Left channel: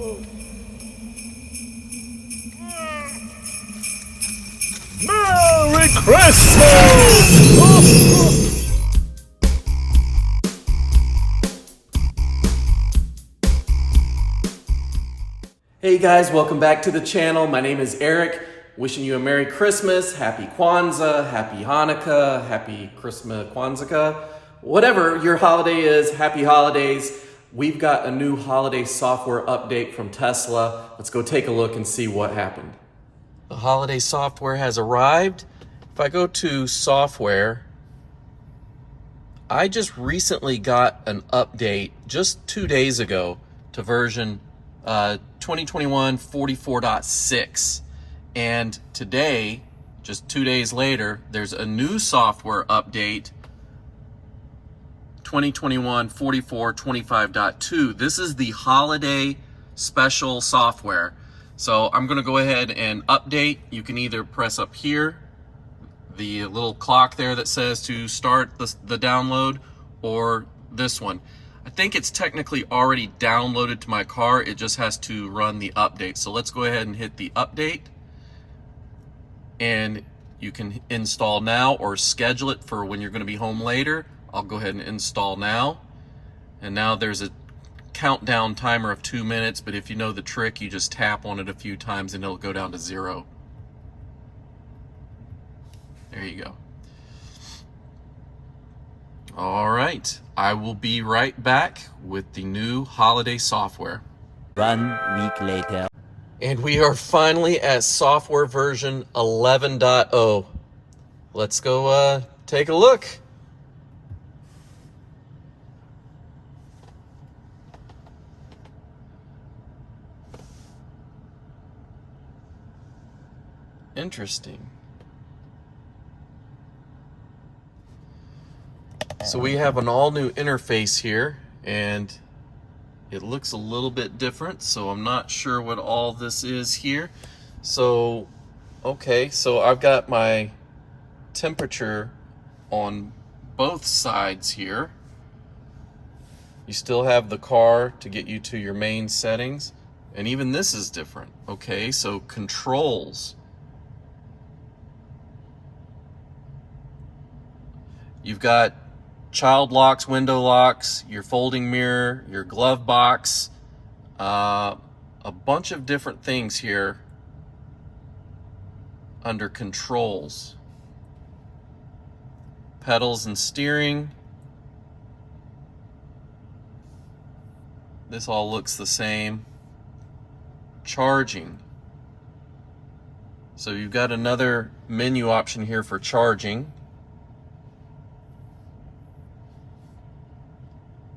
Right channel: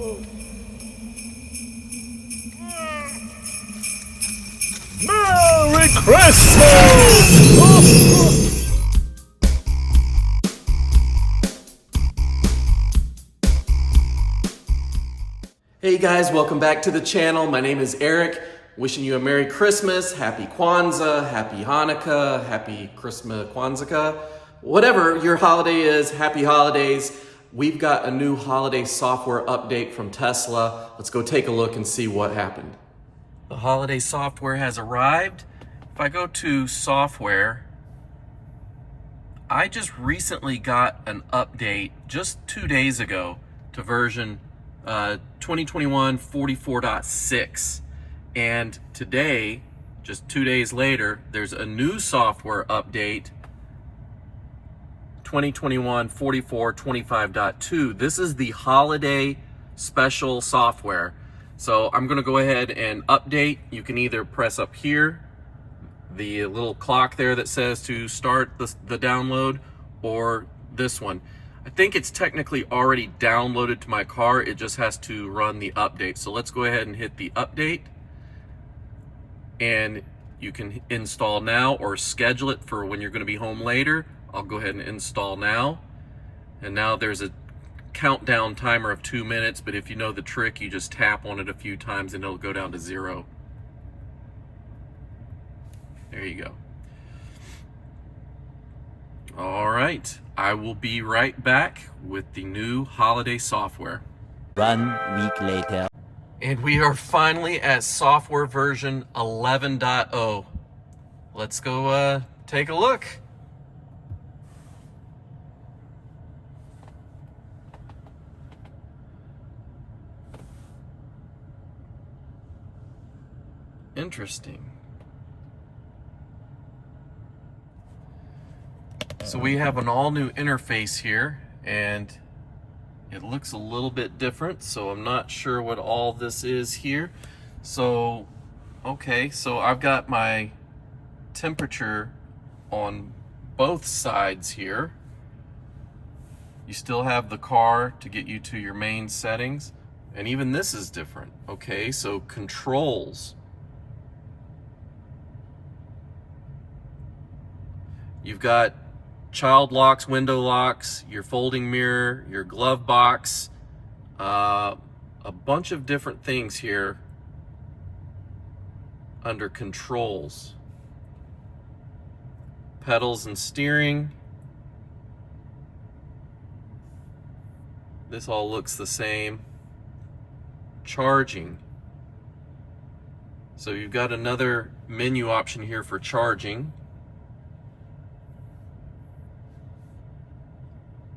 Merry Christmas! Hey guys, welcome back to the channel. My name is Eric. Wishing you a Merry Christmas, Happy Kwanzaa, Happy Hanukkah, Happy Christmas Kwanzaa, whatever your holiday is, happy holidays. We've got a new holiday software update from Tesla. Let's go take a look and see what happened. The holiday software has arrived. If I go to software, I just recently got an update just 2 days ago to version 2021 44.6. And today, just 2 days later, there's a new software update, 2021 44.25.2. This is the holiday special software. So I'm gonna go ahead and update. You can either press up here, the little clock there that says to start the download, or this one. I think it's technically already downloaded to my car. It just has to run the update. So let's go ahead and hit the update. And you can install now or schedule it for when you're going to be home later. I'll go ahead and install now. And now there's a countdown timer of 2 minutes, but if you know the trick, you just tap on it a few times and it'll go down to 0. There you go. All right, I will be right back with the new holiday software. 1 week later. And we are finally at software version 11.0. Let's go take a look. Interesting. So we have an all new interface here, and it looks a little bit different, so I'm not sure what all this is here. So, okay, so I've got my temperature on both sides here. You still have the car to get you to your main settings, and even this is different. Okay, so controls. You've got child locks, window locks, your folding mirror, your glove box, a bunch of different things here under controls. Pedals and steering. This all looks the same. Charging. So you've got another menu option here for charging.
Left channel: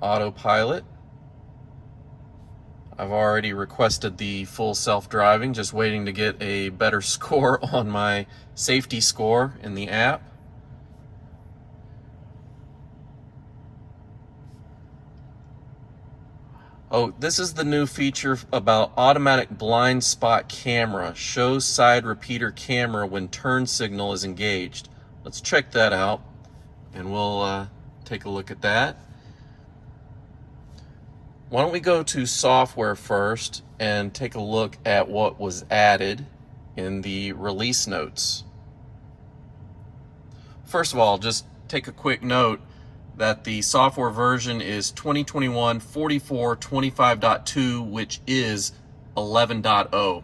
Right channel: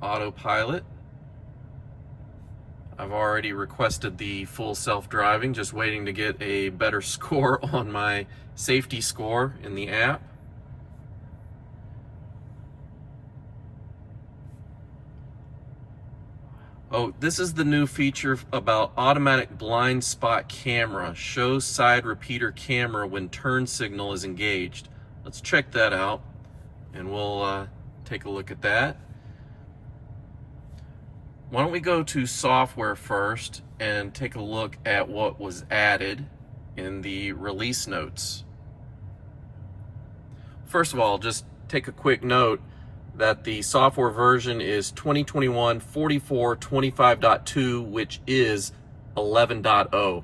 Autopilot. I've already requested the full self-driving, just waiting to get a better score on my safety score in the app. Oh, this is the new feature about automatic blind spot camera. Shows side repeater camera when turn signal is engaged. Let's check that out, and we'll take a look at that. Why don't we go to software first and take a look at what was added in the release notes. First of all, just take a quick note that the software version is 2021 44.25.2, which is 11.0.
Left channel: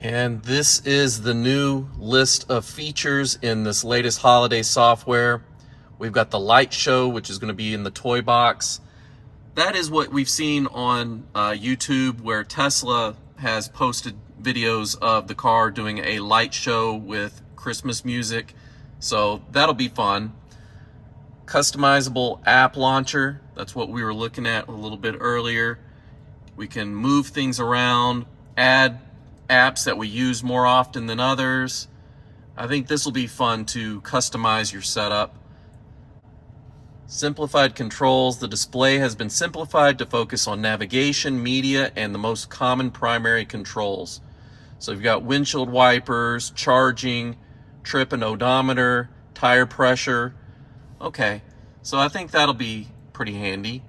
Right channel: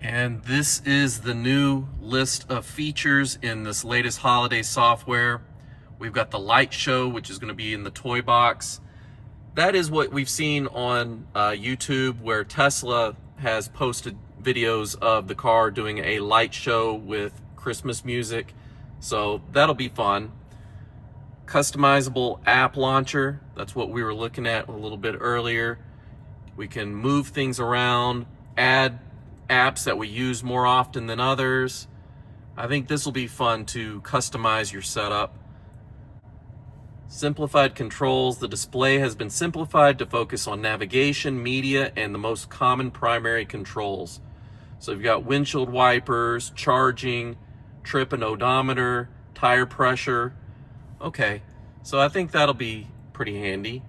And this is the new list of features in this latest holiday software. We've got the Lightshow, which is going to be in the toy box. That is what we've seen on YouTube, where Tesla has posted videos of the car doing a light show with Christmas music. So that'll be fun. Customizable app launcher. That's what we were looking at a little bit earlier. We can move things around, add apps that we use more often than others. I think this will be fun to customize your setup. Simplified controls. The display has been simplified to focus on navigation, media, and the most common primary controls. So you've got windshield wipers, charging, trip and odometer, tire pressure. Okay, so I think that'll be pretty handy.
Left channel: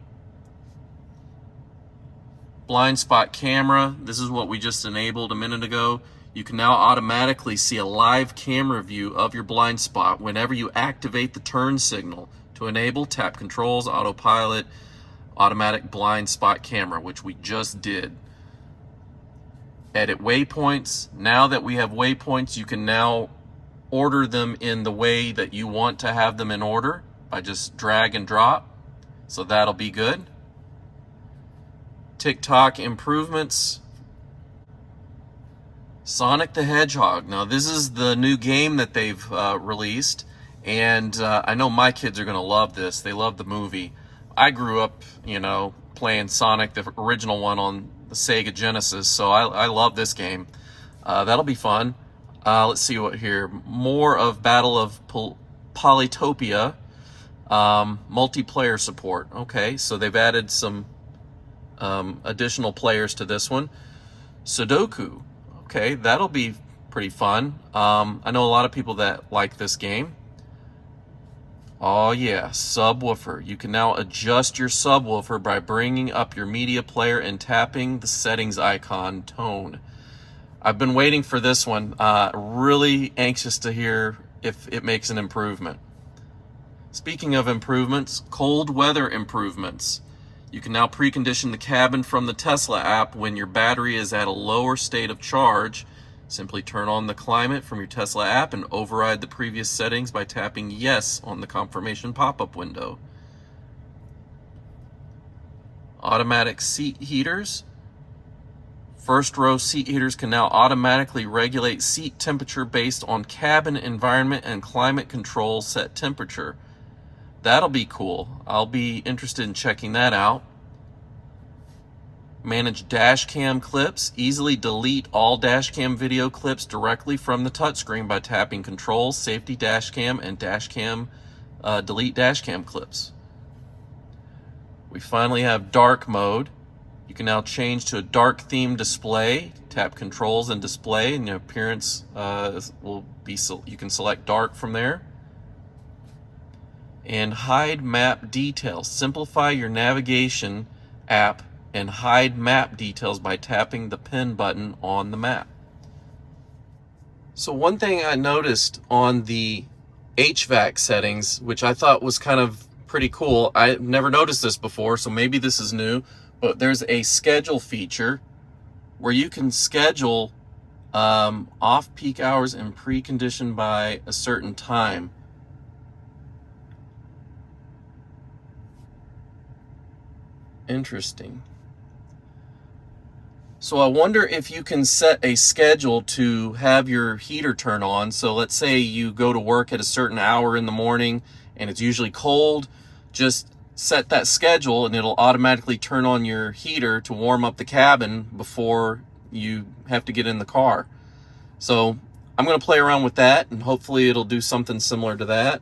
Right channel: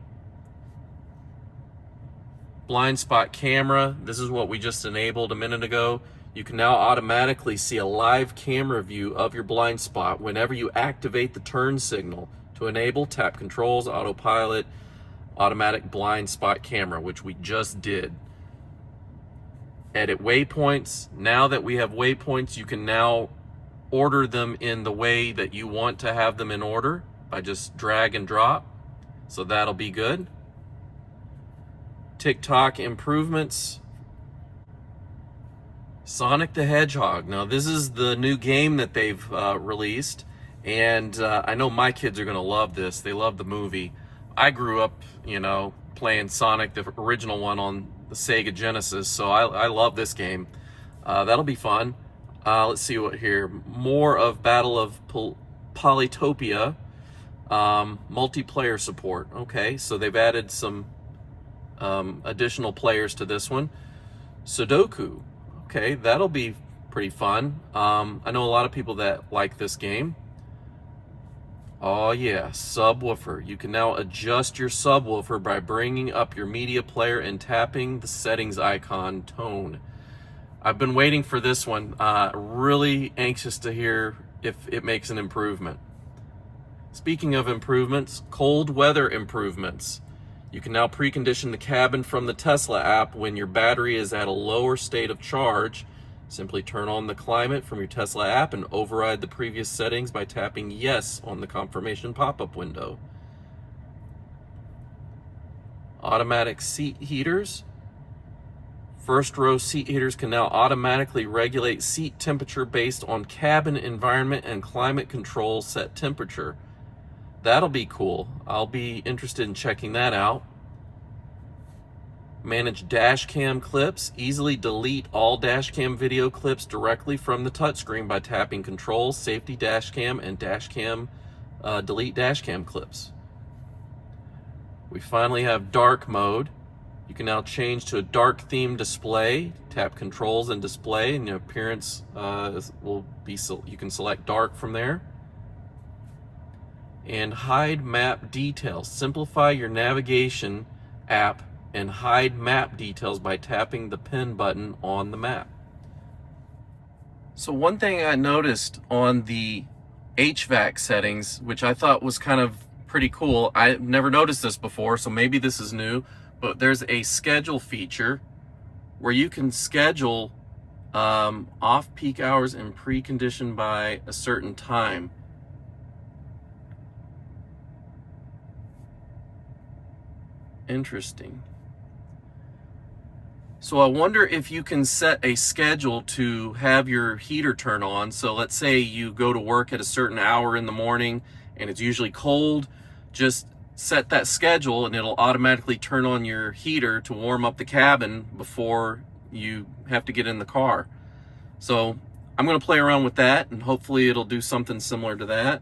blind spot camera. This is what we just enabled a minute ago. You can now automatically see a live camera view of your blind spot whenever you activate the turn signal. To enable, tap controls, autopilot, automatic blind spot camera, which we just did. Edit waypoints. Now that we have waypoints, you can now order them in the way that you want to have them in order by just drag and drop. So that'll be good. TikTok improvements. Sonic the Hedgehog. Now this is the new game that they've released, and I know my kids are gonna love this. They love the movie. I grew up, you know, playing Sonic, the original one, on the Sega Genesis, so I love this game. That'll be fun. Let's see what here. More of Battle of Polytopia. Multiplayer support. Okay, so they've added some additional players to this one. Sudoku. Okay, that'll be pretty fun. I know a lot of people that like this game. Oh yeah, subwoofer. You can now adjust your subwoofer by bringing up your media player and tapping the settings icon tone. I've been waiting for this one. Really anxious to hear if it makes an improvement. Speaking of improvements, cold weather improvements. You can now precondition the cabin from the Tesla app when your battery is at a lower state of charge. Simply turn on the climate from your Tesla app and override the previous settings by tapping yes on the confirmation pop-up window. Automatic seat heaters. First row seat heaters can now automatically regulate seat temperature based on cabin environment and climate control set temperature. That'll be cool. I'll be interested in checking that out. Manage dash cam clips. Easily delete all dash cam video clips directly from the touchscreen by tapping Controls, Safety Dash Cam, and Dash Cam, delete dash cam clips. We finally have dark mode. You can now change to a dark theme display. Tap Controls and Display, and your appearance will be. You can select dark from there. And hide map details. Simplify your navigation app and hide map details by tapping the pen button on the map. So one thing I noticed on the HVAC settings, which I thought was kind of pretty cool, I've never noticed this before, so maybe this is new, but there's a schedule feature where you can schedule off-peak hours and precondition by a certain time. Interesting. So I wonder if you can set a schedule to have your heater turn on. So let's say you go to work at a certain hour in the morning and it's usually cold. Just set that schedule and it'll automatically turn on your heater to warm up the cabin before you have to get in the car. So I'm going to play around with that and hopefully it'll do something similar to that.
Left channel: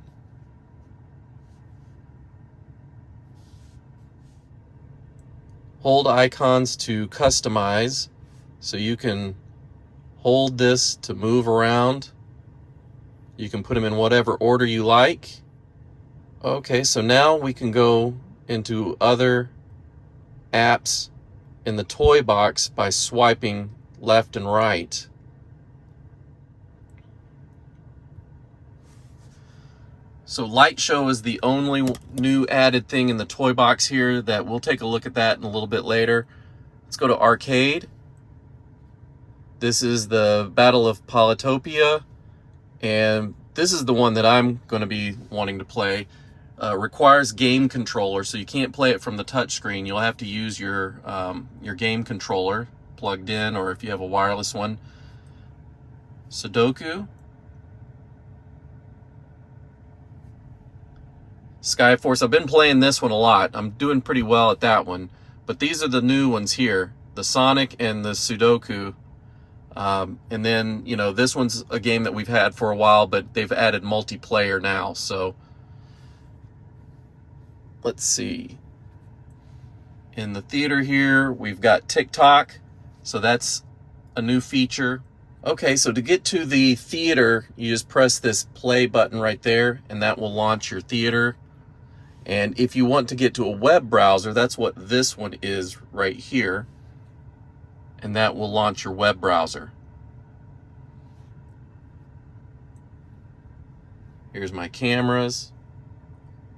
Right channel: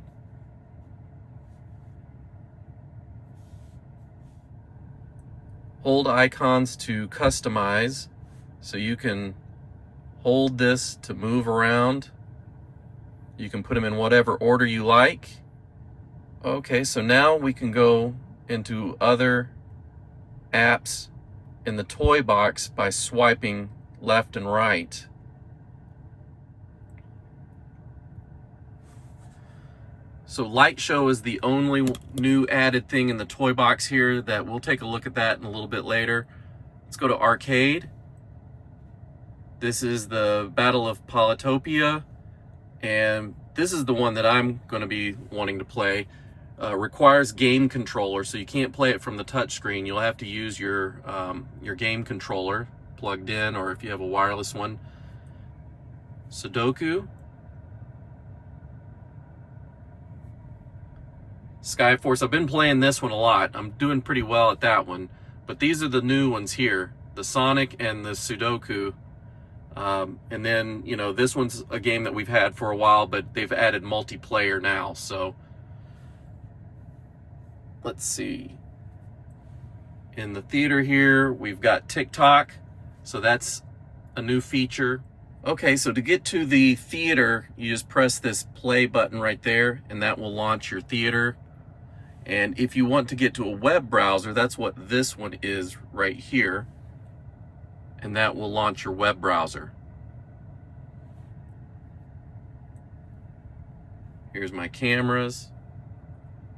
Hold icons to customize, so you can hold this to move around. You can put them in whatever order you like. Okay, so now we can go into other apps in the toy box by swiping left and right. So Lightshow is the only new added thing in the toy box here. That we'll take a look at that in a little bit later. Let's go to Arcade. This is the Battle of Polytopia, and this is the one that I'm going to be wanting to play. Requires game controller, so you can't play it from the touchscreen. You'll have to use your game controller plugged in, or if you have a wireless one. Sudoku. Skyforce, I've been playing this one a lot. I'm doing pretty well at that one. But these are the new ones here, the Sonic and the Sudoku. And then, you know, this one's a game that we've had for a while, but they've added multiplayer now. So let's see. In the theater here, we've got TikTok. So that's a new feature. Okay, so to get to the theater, you just press this play button right there, and that will launch your theater. And if you want to get to a web browser, that's what this one is right here. and that will launch your web browser. Here's my cameras.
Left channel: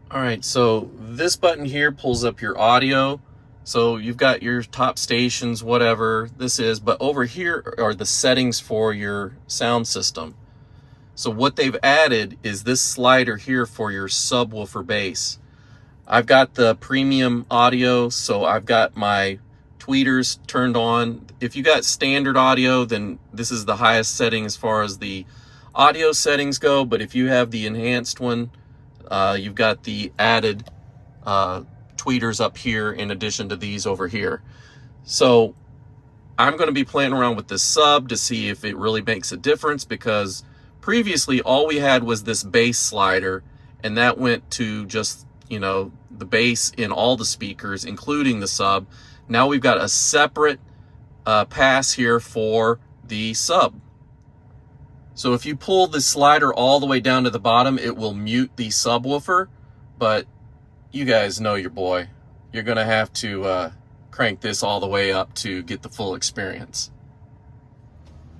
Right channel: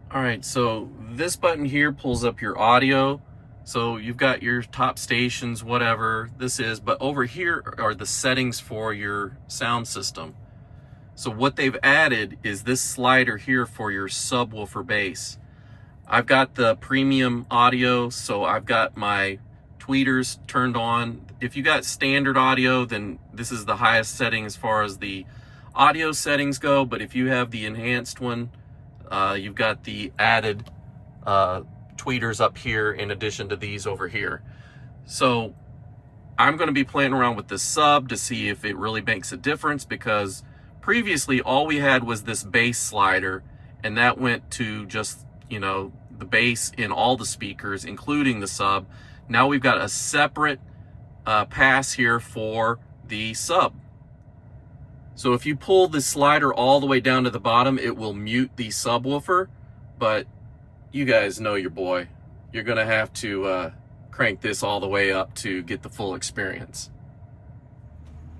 All right, so this button here pulls up your audio. So you've got your top stations, whatever this is, but over here are the settings for your sound system. So what they've added is this slider here for your subwoofer bass. I've got the premium audio, so I've got my tweeters turned on. If you got standard audio, then this is the highest setting as far as the audio settings go, but if you have the enhanced one, you've got the added tweeters up here in addition to these over here. So I'm going to be playing around with this sub to see if it really makes a difference, because previously all we had was this bass slider, and that went to just, you know, the bass in all the speakers, including the sub. Now we've got a separate pass here for the sub. So if you pull the slider all the way down to the bottom, it will mute the subwoofer, but you guys know your boy. You're gonna have to crank this all the way up to get the full experience.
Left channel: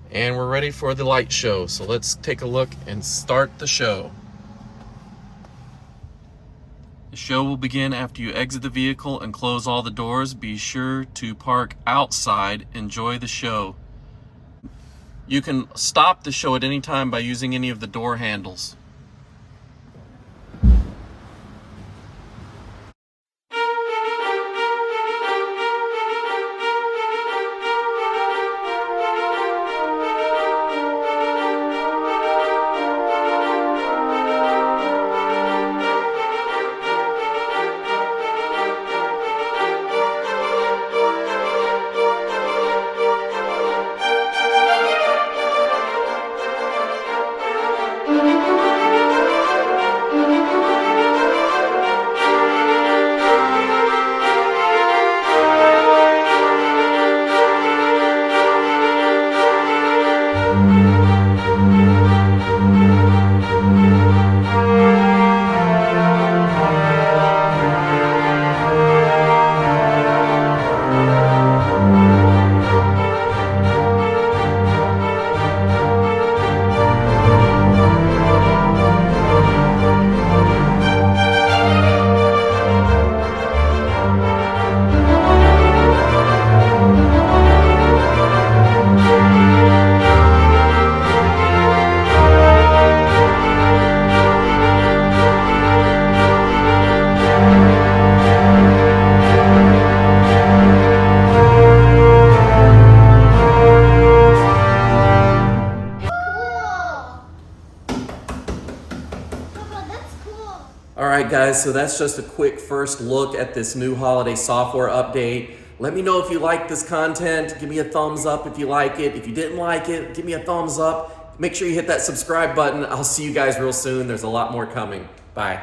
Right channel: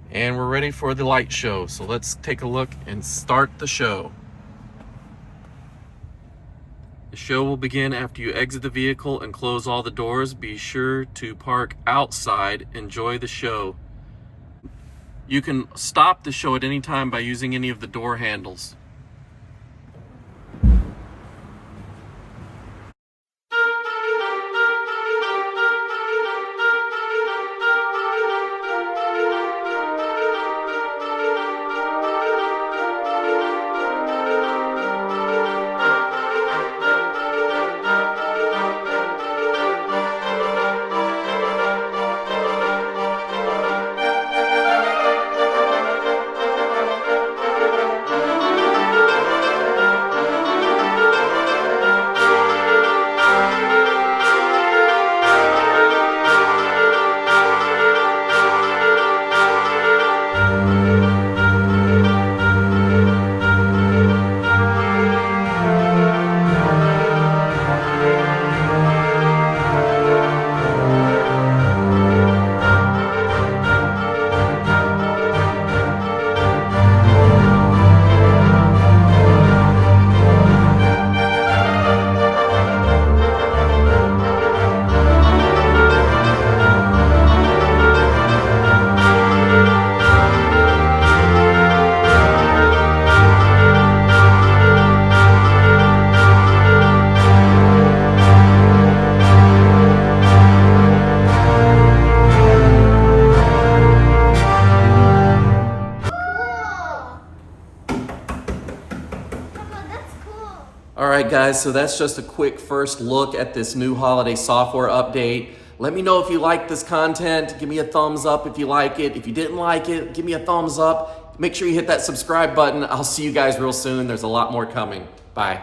And we're ready for the light show. So let's take a look and start the show. The show will begin after you exit the vehicle and close all the doors. Be sure to park outside. Enjoy the show. You can stop the show at any time by using any of the door handles. All right, guys, so that's just a quick first look at this new holiday software update. Let me know if you like this content. Give me a thumbs up if you like it. If you didn't like it, give me a thumbs up. Make sure you hit that subscribe button. I'll see you guys real soon. There's a lot more coming. Bye.